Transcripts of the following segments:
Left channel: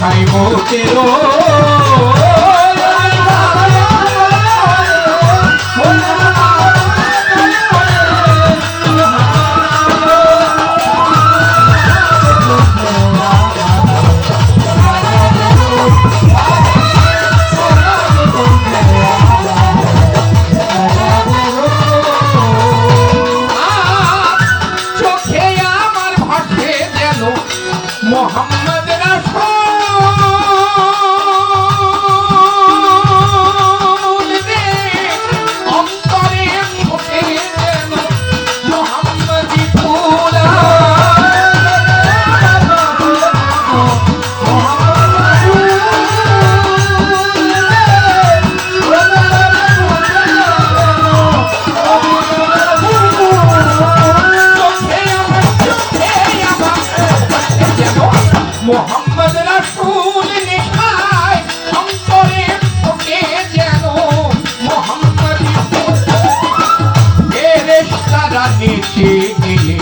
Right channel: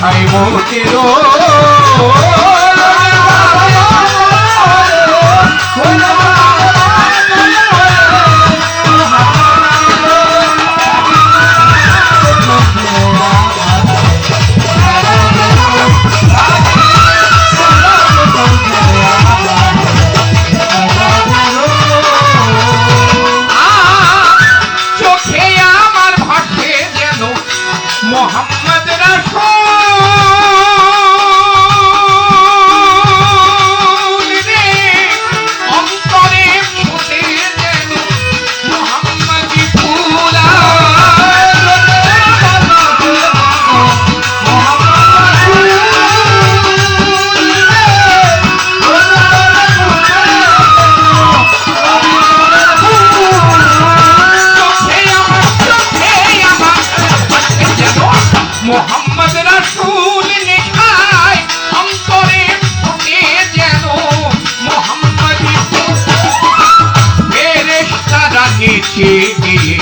দেখাই মোদের মোহাম্মদ রাসূল রে অন্তরে ফুটে যেন মোহাম্মদি ফুল মোহাম্মদ রাসূল নিশায় অন্তরে ফুটে যেন মোহাম্মদি ফেরেশতারা নেচে গেলে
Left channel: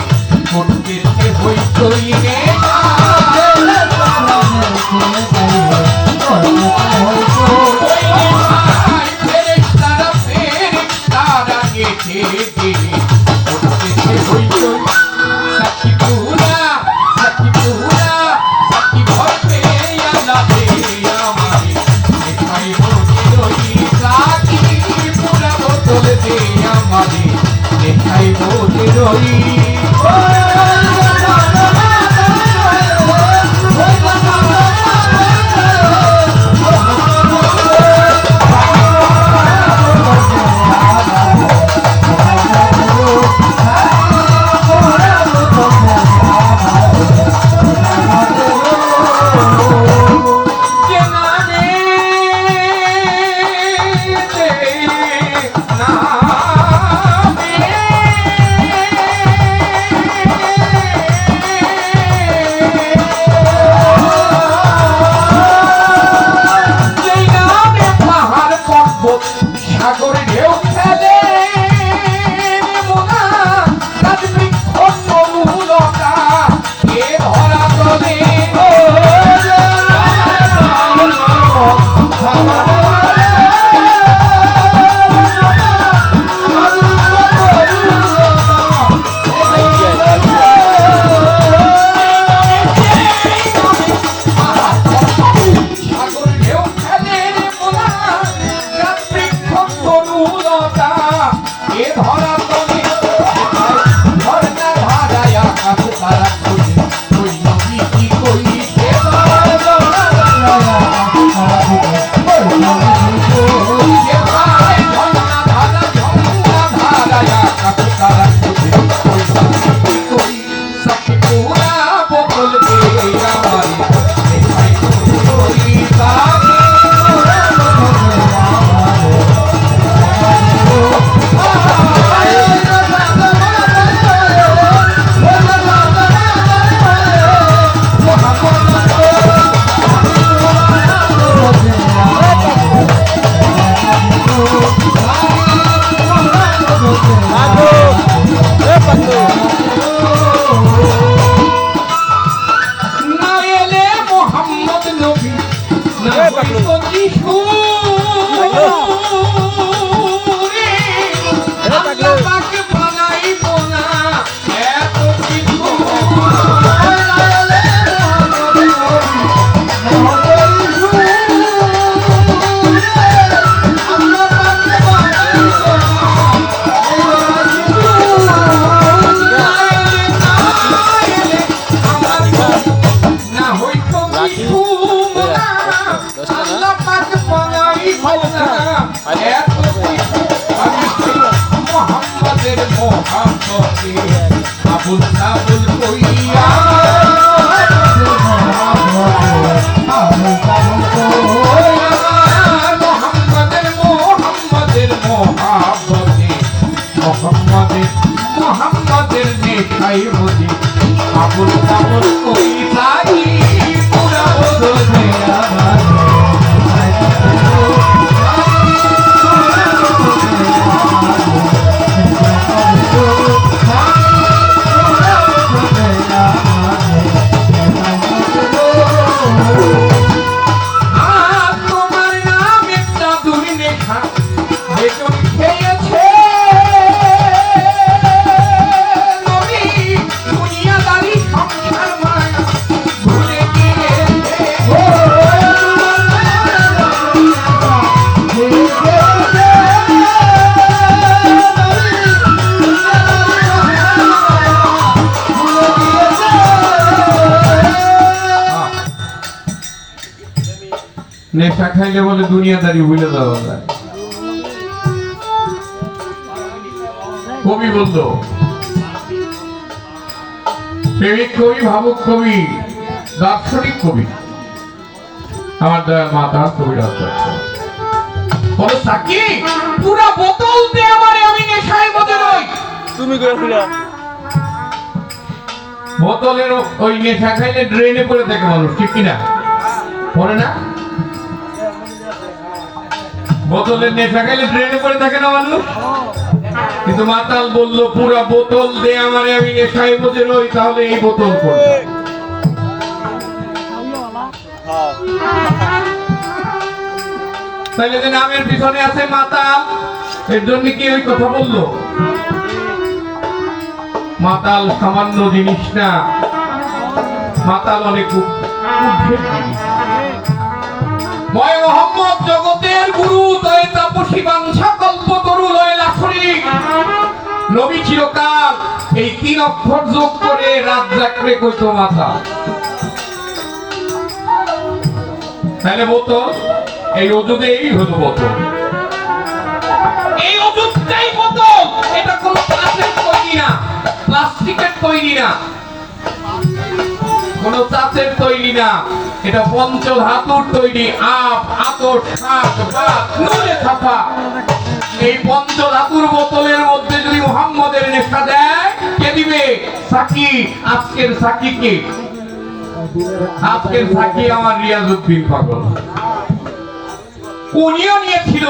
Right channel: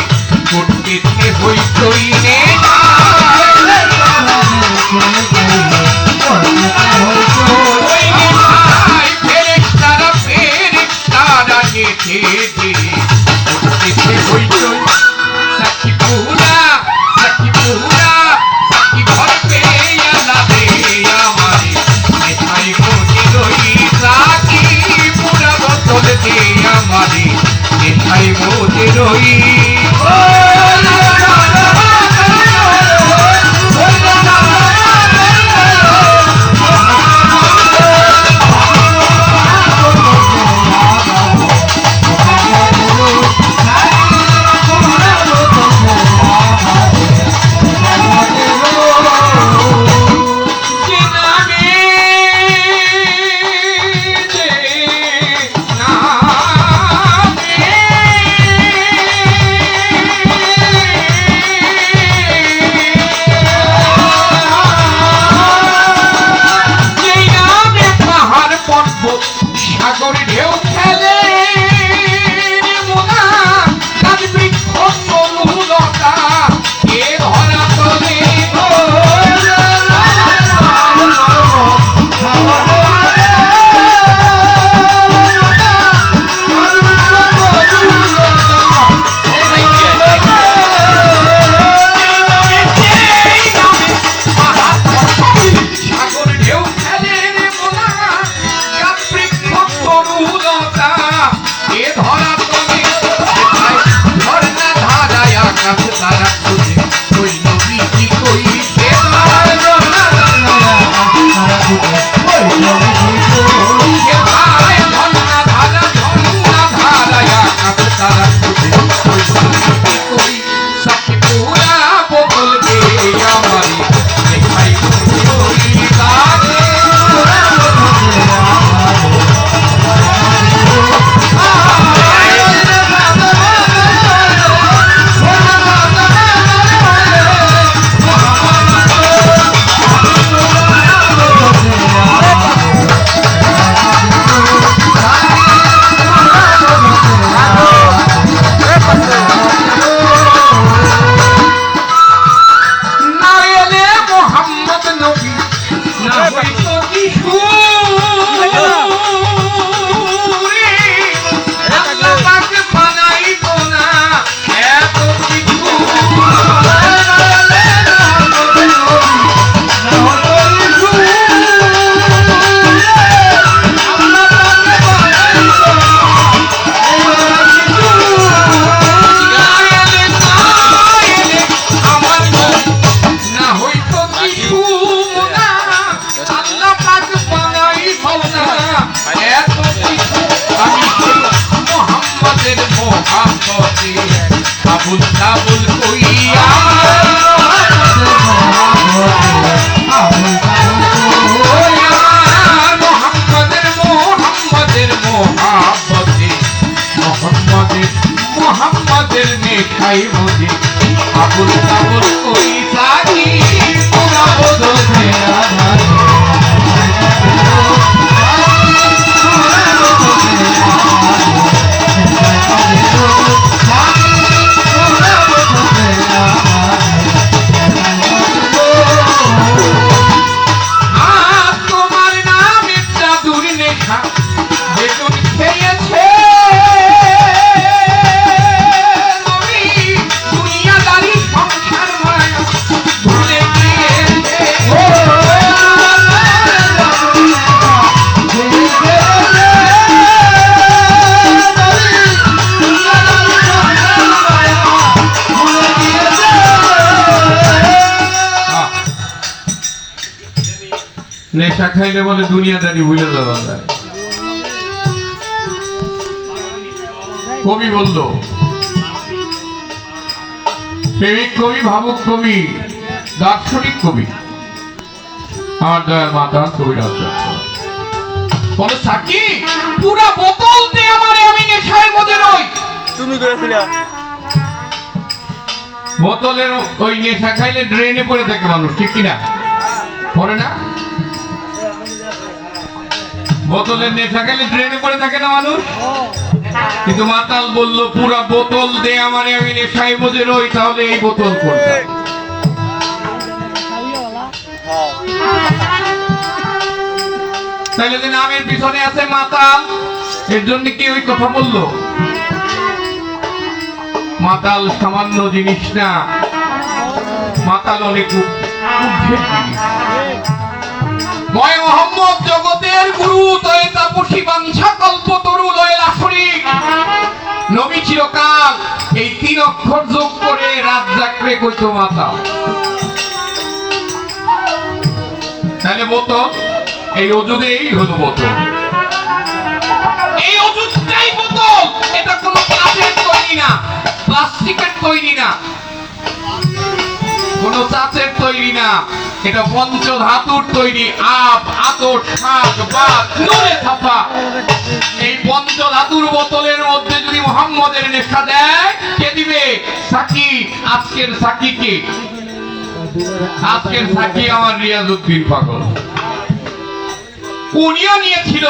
ফুটতেছে হইচই রে ফেরেশতারা নেচে গেলে ফুটতেছে হইচই সাকিপুরা সাকিপুরা দেখাই মোদের সাগর ঢেউ খেলে মোনা গাছ বৃক্ষ তরুলতা এ ধরা তলে সাগর ঢেউ খেলে মোনা এ ধরা তুমি ঝর্ণা ধারায় আকাশ তারা খুঁজে ওই নদী কি কইছে ঝর্ণা ধারায় আকাশ তারা খুঁজে ওই সাকিপুরা বলবে আমারে দেখাই ওই তারে আবুল আবুল কইয়া মোহাম্মদের মোহাব্বতে মোহাম্মদের নেখাই মোদে আবুল আবুল কই থাকি পুরা বোধে আমার নেশা খাইলে বলে দুনিয়াদারি ভুলে যাওয়া যায়। কবি বলল, প্রেমিক কবি, ভাবুক কবি, দার্শনিক কবি আমার দয়াল মাতা কবিরাজ বলো, সাকি পুরা বোতল দে আমারে, আমি নেশায় মধ্যে রই। তুমি করেছিলা বোতলের ওই নেশা খাইলে ড্রেনে পড়ে থাকে মানুষ, ঠিক কিনা? পড়ে না? বোতলের নেশা খাইলে ড্রেনে পড়ে থাকে না মানুষ? কিন্তু মাতাল বলল, পুরা বোতল দে আমারে, আমি নেশায় মধ্যে রই। তাহলে এই বোতল পড়বে। তাইলে যে নামের পিছনে আছে মাতাল, এর জন্য কি ওই কথা বললো? মাতাল সামান্য জিনিস না, মাতাল অনেক ঊর্ধ্বের জিনিস। ময় মোহাম্মদ জগতের গুরু, তয়ে তাপসী বাঞ্ছা কল্পতরু লয়ে লাফরিক। নবী চিরকাল এই 3 অক্ষর যোগ করে রাত জাগরে কইতো মাতাল। তাহলে বোতল, এই ওজুদেই হলো বোতল, এই ওজুদটাই বোতল। এটা কোনো কাচের তৈরি না, প্লাস্টিকের তৈরি না, কোনো চাচের তৈরি না, এটা পঞ্চধাতুর তৈরি। আপ, আতর, শাক, বাত, নুনে ছাপা। এই পঞ্চধাতুর বোতলের মধ্যে যদি মুহাম্মদের নেশা দেয়, কে দিবে? সাকি। আজকের সাকি কে? আজকের সাকি আমার রিয়াজউদ্দিন পাগল। উনিও নিয়েছিল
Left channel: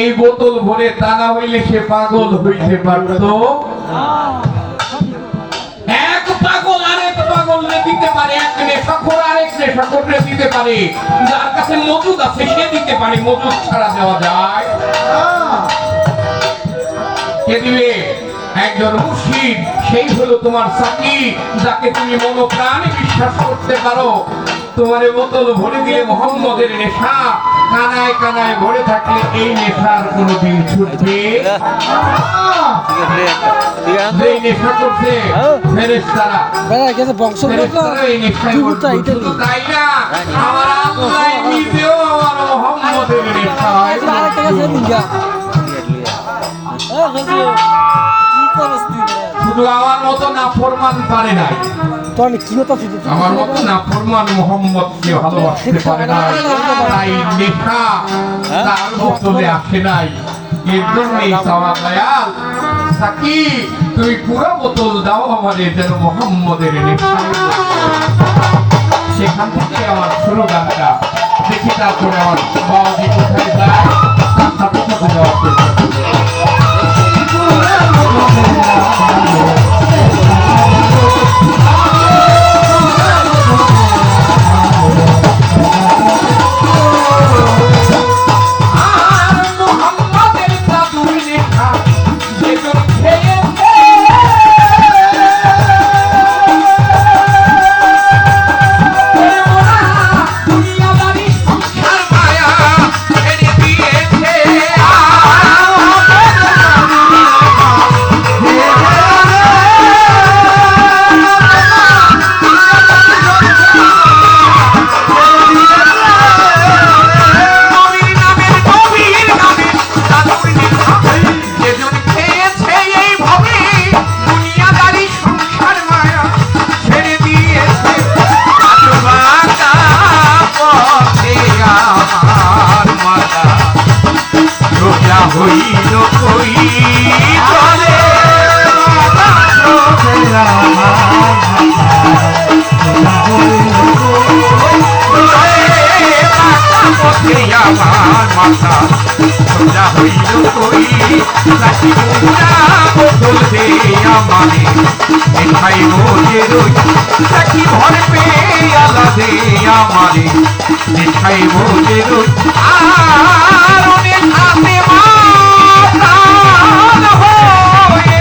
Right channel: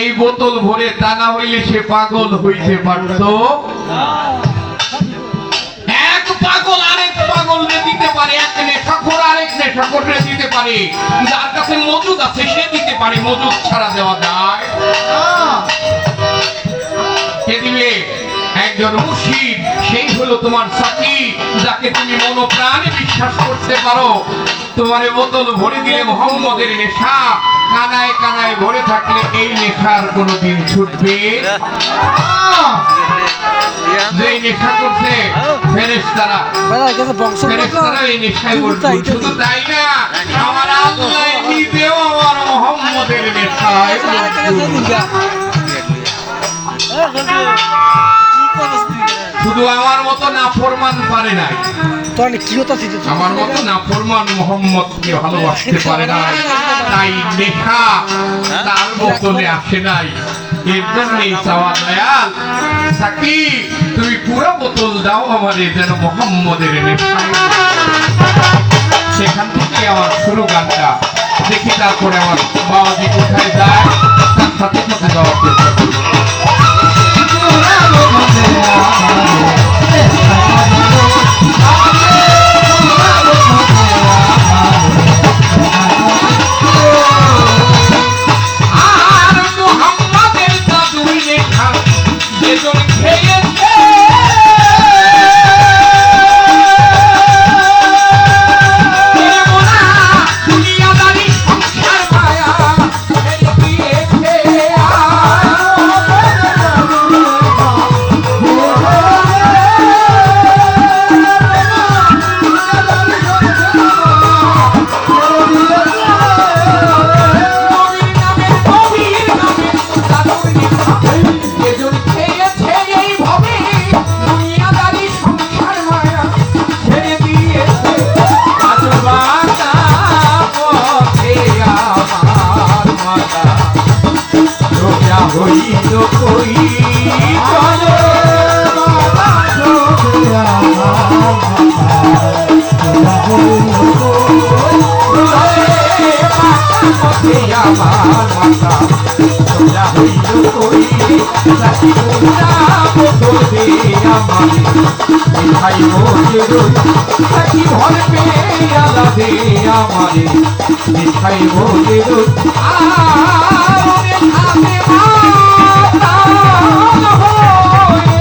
এই বোতল ভরে, তা না হইলে সে পাগল হইতে পারত। এক পাগল আরেক পাগলকে দিতে পারে, এক নেশাখোর আরেক নেশাখোরকে দিতে পারে। যার কাছে মজুদ আছে সে দিতে পারে, মজুদ ছাড়া দেওয়া যায়? কে দিবে? একজন মুর্শিদ, সেই হলো তোমার সাকি, যাকে তুমি মনোপ্রাণে বিশ্বাস করতে পারো। তোমারে বোতল ভরে দিলে মুহাম্মদের নেশা, কানায় কানায় ভরে থাকলে এই নেশার কোনোদিন ছুটবে যে নেশা করছে ফেরেশতারা, ফেরেশতারা এই নেশায় করছে। শুধু তাই না, আমার আল্লাহ নিজেও আমার মুহাম্মদের নেশায়। শুধু আমার মতো নাফরমান পারে নাই, আমার মতো নাফরমান মুহাম্মদকে ভালোবাসতে পারে নাই, তাই নেশা তার বোতলে আসে নাই। এর জন্যই চাওয়া দয়াল সাকি, তুমি পুরো বোতল দাও আমাদের, যেন মুহাম্মদের নেশায়। সেখান থেকে আমার শুরু গানটা দেখি, তারপরে আমার বাবাজি কোথায় যায় তার সাথে সাথে যাওয়া চেষ্টা করবো। হইল কই বলে আমার মাথা সোজা হইল কই, সাকি পুরা বোতল দে আমারে, দেখাই বলে রই। সাকি ভর পেয়ালা দে আমারে, দেখাই বলে রই। আর অনেক হাতে মাতাল হয়ে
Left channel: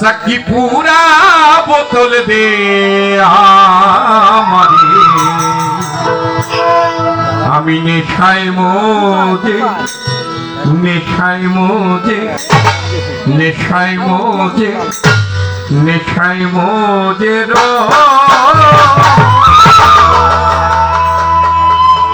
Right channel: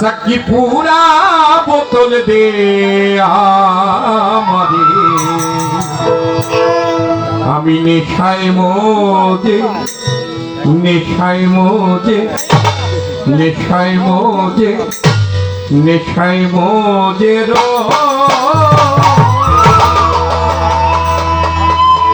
সাকি পুরা বোতল দে আমারে, আমি নেশায় মজে, নেশায় মজে, নেশায় মজে, নেশায় মজে